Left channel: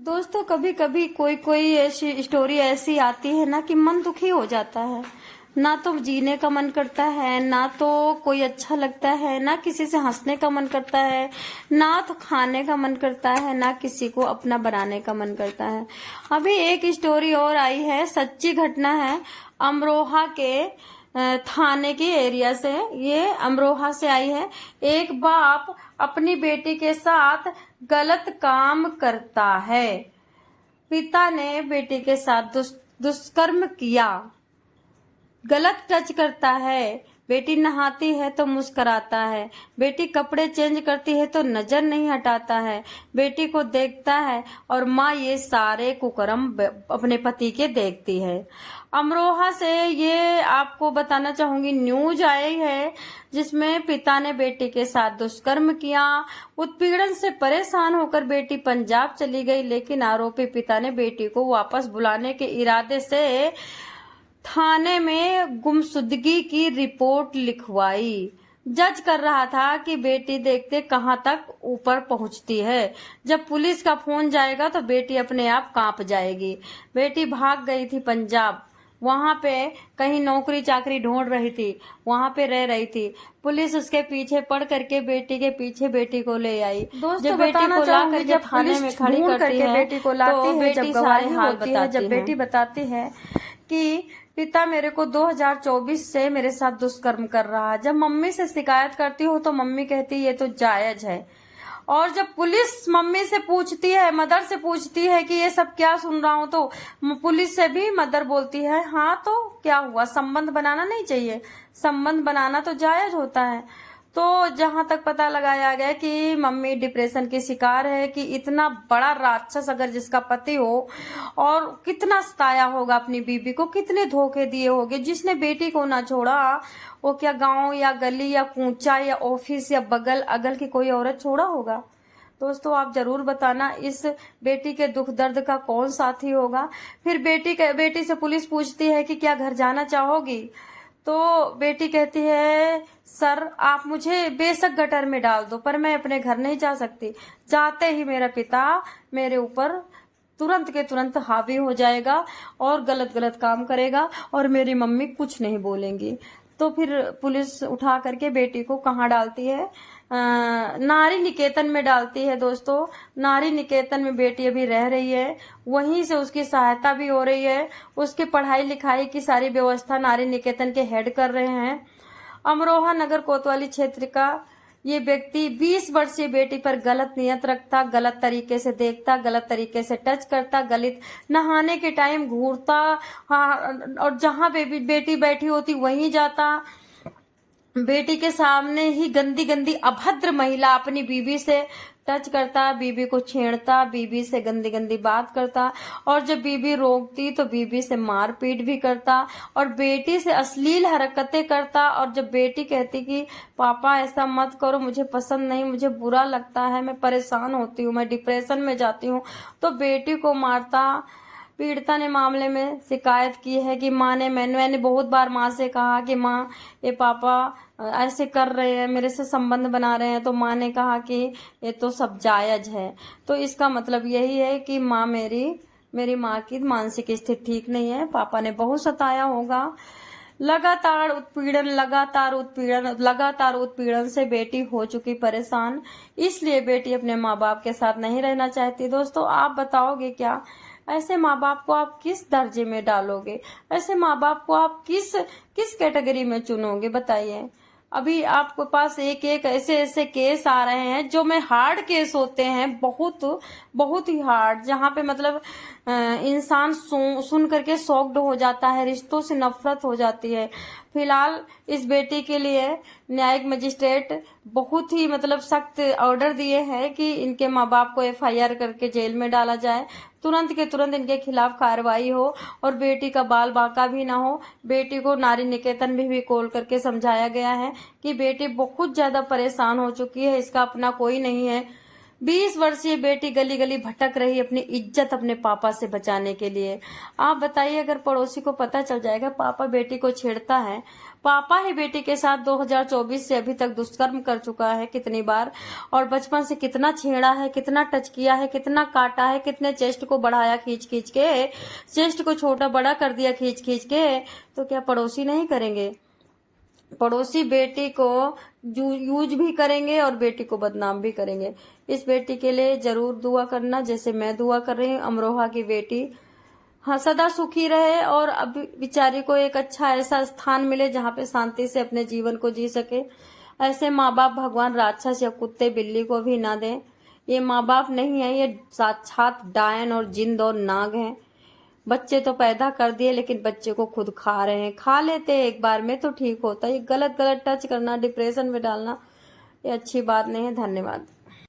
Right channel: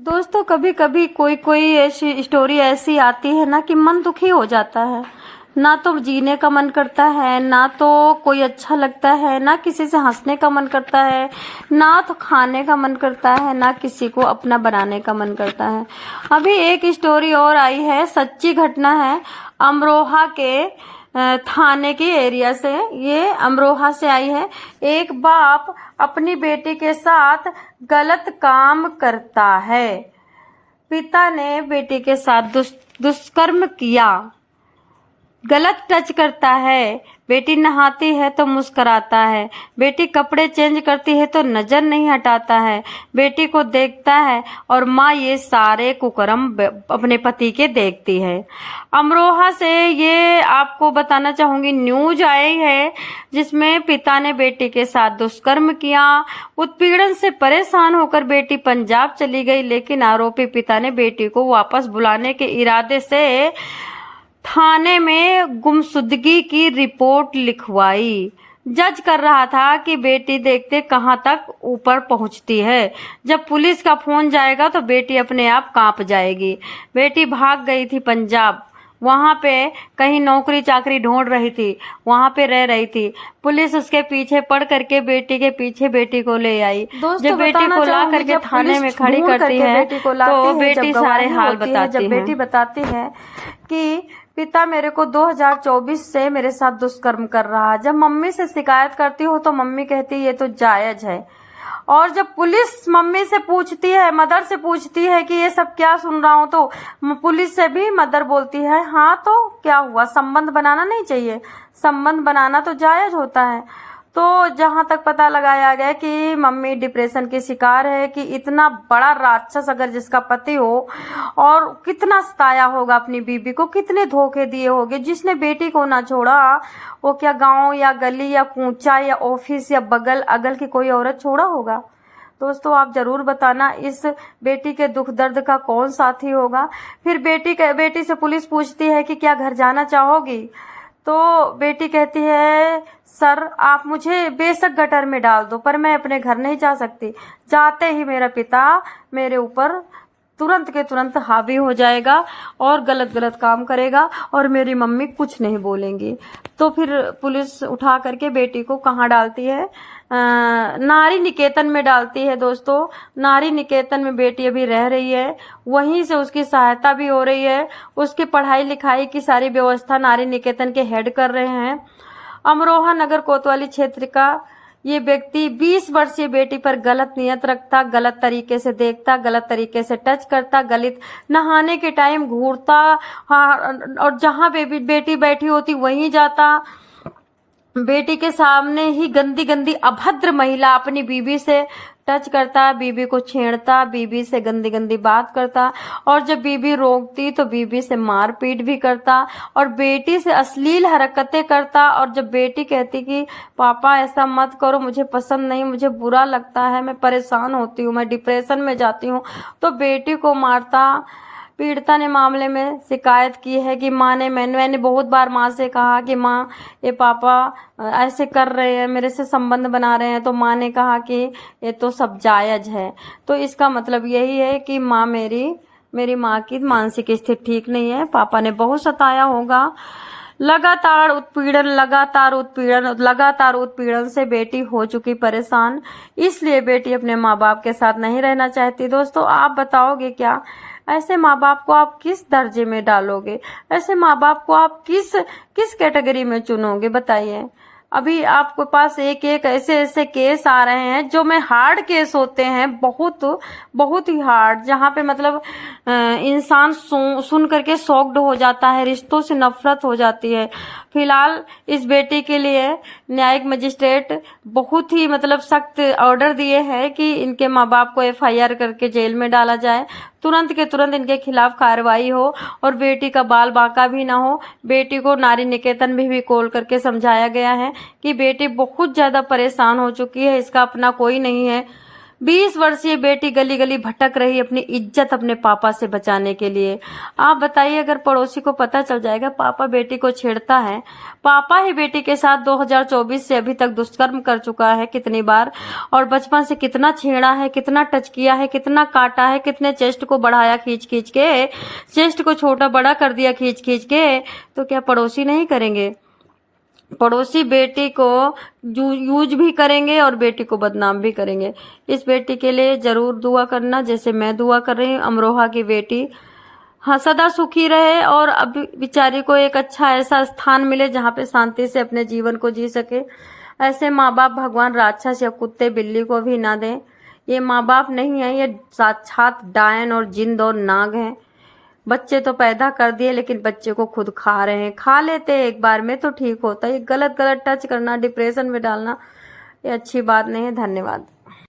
दोस्तों, कभी कभी कोई कोई ऐसी स्टोरी ऐसी आती है ना कि मन दुखी हो जाता है। ना तो जीने का मन करता है, ना तो कोई अच्छा लगता है, ना किसी से हंसने का मन करता है, ना तो खाने का मन करता है, ना किसी को अपना बनाने का मन करता है। अभी एक स्टोरी और आई है, सच्ची घटना है, अमरोहा के थाने की एरिया से। ये अमरोहा से आई है। एक बाप अपनी बेटी के साथ गलत काम करता है। पिता ने बेटी के साथ दुष्कर्म किया, गलत टच करता है। बेटी नहाती है तो मुस्कुराता है, बेटी कपड़े चेंज करती है तो नजर नहीं हटाता है, बेटी को देखता है और माँ ये सारे कुकर्म अपने पति के देखती है। अमरोहा से ये आपको बताना चाहूंगी, न्यूज आई है जिसमें पिता ने बेटी के साथ दुष्कर्म किया। उत्पीड़न से परेशान होकर बेटी पंजाब चली गई, लेकिन आरोपी पिता ने बेटी को वापस बुलाने के इरादे से थाने में गुमशुदगी की रिपोर्ट लिखवाई। जज कर रहा था कि बेटी देखते कहां तक ऊपर पहुंचती है। जब पुलिस का फोन जाएगा तो बेटी अपने आप कांप जाएगी। बेटी भाग गई थी पंजाब, वहां पे कहीं नौकरी चाकरी ढूंढ रही थी, वहां पे रह रही थी। पुलिस उसके पीछे पड़ करके बेटी के पीछे बेटी को ले आई। जब बेटी को ला करके थाने में खड़ी करती है तो बेटी सारे हाल बताती है। जब बेटी बताती है कि पिता मेरे को 2024 से मेरे साथ दुष्कर्म कर रहा है। जब मम्मी से शिकायत करती हो तो मम्मी कहती है ये तो जायज है। और जब पुलिस मम्मी से पूछती है, मदर से पूछती है कि ये सब क्या सुन रहा हूँ, तो पुलिस से भी मदर बोलती है हाँ तो क्या हुआ, संबंध बनाना नहीं चाहिए, संबंध बनाना तो जायज होता है। तो जहां तक पता लगाया गया कि मम्मी डिप्रेशन की शिकार है कि इतना बड़ा राक्षस अगर जिसका पति हो और कितना सताया होगा अपनी बीबी को, कितने धोखे दिए होंगे। जिसने बेटी को ना छोड़ा वो क्या गांव या गली या कूचा या ऑफिस या बगल अगल की कोई औरत छोड़ा होगा। दोस्तों, आप जरूर बताना इस बेटी के दुख दर्द का कौन साथी होगा। फिर बेटी से पुलिस पूछती है कि क्या घर जाना चाहोगी, तो बेटी कहती है सर आप मुझे बेशक गटर में डाल दो, पर मैं अपने घर नहीं जा सकती। जाते ही मेरा पिता मेरे ऊपर तुरंत के तुरंत हावी हो जाएगा और गलत गलत काम करेगा और मेरी मम्मी कुछ नहीं बोलेंगी। तो फिर पुलिस उठा करके बेटी को कहाँ डालती है, नारी निकेतन में डालती है। दोस्तों, नारी निकेतन में बेटी अभी रह रही है, वहीं से उसकी सहायता भी हो रही है। उसकी पढ़ाई लिखाई की सारी व्यवस्था नारी निकेतन के हेड कर रहे हैं। अमरोहा नगर कोतवाली क्षेत्र का ये व्यक्ति 20 वर्षीय बेटी पर गलत नियत रखता, गलत तरीके से देखता, गलत तरीके से टच करता, गलत नहाने के टाइम घूरता, और जहां बेटी बैठी होती वहीं जाता। बेटी के सामने ही गंदी गंदी अभद्र महिला अपनी बीवी से टच करता, बीबी को छेड़ता, बीबी से गंदी गंदी बात करता, और जब बीबी रोकती तो बीबी से मारपीट भी करता और बेटी से अश्लील हरकतें करता। और जब बेटी कहती कि पापा ऐसा मत करो, मुझे पसंद नहीं, मुझे बुरा लगता है, मैं परेशान होती हूँ, मैं डिप्रेशन में जाती हूँ, तो बेटी को मारता। पीड़िता ने मामले में शिकायत की है कि मैंने बहुत बार माँ से कहा कि माँ ये पापा ऐसे कर रहे हैं, मेरे से संबंध बना रहे हैं, तो माँ ने कहा कि ये तो सब जायज है। तो इसका मतलब यही है कि माँ मेरी माँ की मानसिक स्थिति ठीक नहीं है, पापा ने बहुत सताया होगा। लगातार उत्पीड़न से बेटी हो चुकी परेशान, इसलिए बेटी अपने माँ बाप के साथ नहीं रहना चाहती। दोस्तों, आप बताओगे क्या, ऐसे माँ बाप को आप किस दर्जे में डालोगे, ऐसे माँ बाप को आप किस कैटेगरी में चुनोगे, बताइए। अभी आपके पास एक एक ऐसे केस आ रहे हैं जो में हार्ड केस होते हैं, बहुत ही हार्ड, जहाँ पे मतलब इंसान सुन करके शॉक्ड हो जाता है, रिश्तों से नफरत हो जाती है। फिलहाल इस बेटी के लिए न्यायिक मजिस्ट्रेट बहुत ही मतलब सख्त ऑर्डर दिए हैं कि इनके माँ बाप को FIR करके जेल में डाला जाए, तुरंत के तुरंत इनके खिलाफ कार्रवाई हो और बेटी का बाल बाका भी ना हो। बेटी को नारी निकेतन में भी कॉल करके समझाया गया है कि बेटी बहुत ज्यादा परेशान हो चुकी है, इसका अपना कोई नहीं है, 20 वर्षीय बेटी गली गली भटक रही अपनी इज्जत अपने पापा से बचाने के लिए। आप बताइए, अगर पड़ोसी को पता चल जाएगा पापा बेटी को छेड़ता है, पापा ही बेटी के साथ 2024 से अभी तक दुष्कर्म कर चुका है कितनी बार, और बचपन से कितना छेड़ा है, कितना टच किया है, कितना काटा है, कितने चेस्ट को बढ़ाया खींच खींच के, चेस्ट को छोटा बड़ा कर दिया खींच खींच के, तो क्या पड़ोसी नहीं करेंगे? पड़ोसी बेटी को यूज भी करेंगे और बेटी को बदनाम भी करेंगे। इस बेटी के लिए जरूर दुआ करना, जैसे मैं दुआ कर रही हूँ। अमरोहा की बेटी हाँ सदा सुखी रहे और अब बेचारी को एक अच्छा ऐसा स्थान मिले जहाँ पे शांति से अपने जीवन को जी सके। ऐसे माँ बाप भगवान राक्षस या कुत्ते बिल्ली को भी ना दें। ये माँ बाप नहीं है, ये साक्षात डायन और जिंद और नाग हैं। बच्चे तो पैदा कर दिए लेकिन बच्चे को खुद खा रहे हैं। खा लेते एक बार में तो ठीक होता है, ये गलत गलत टच करना, डिप्रेशन में डालना, ये अच्छी बात नहीं है। धन्यवाद।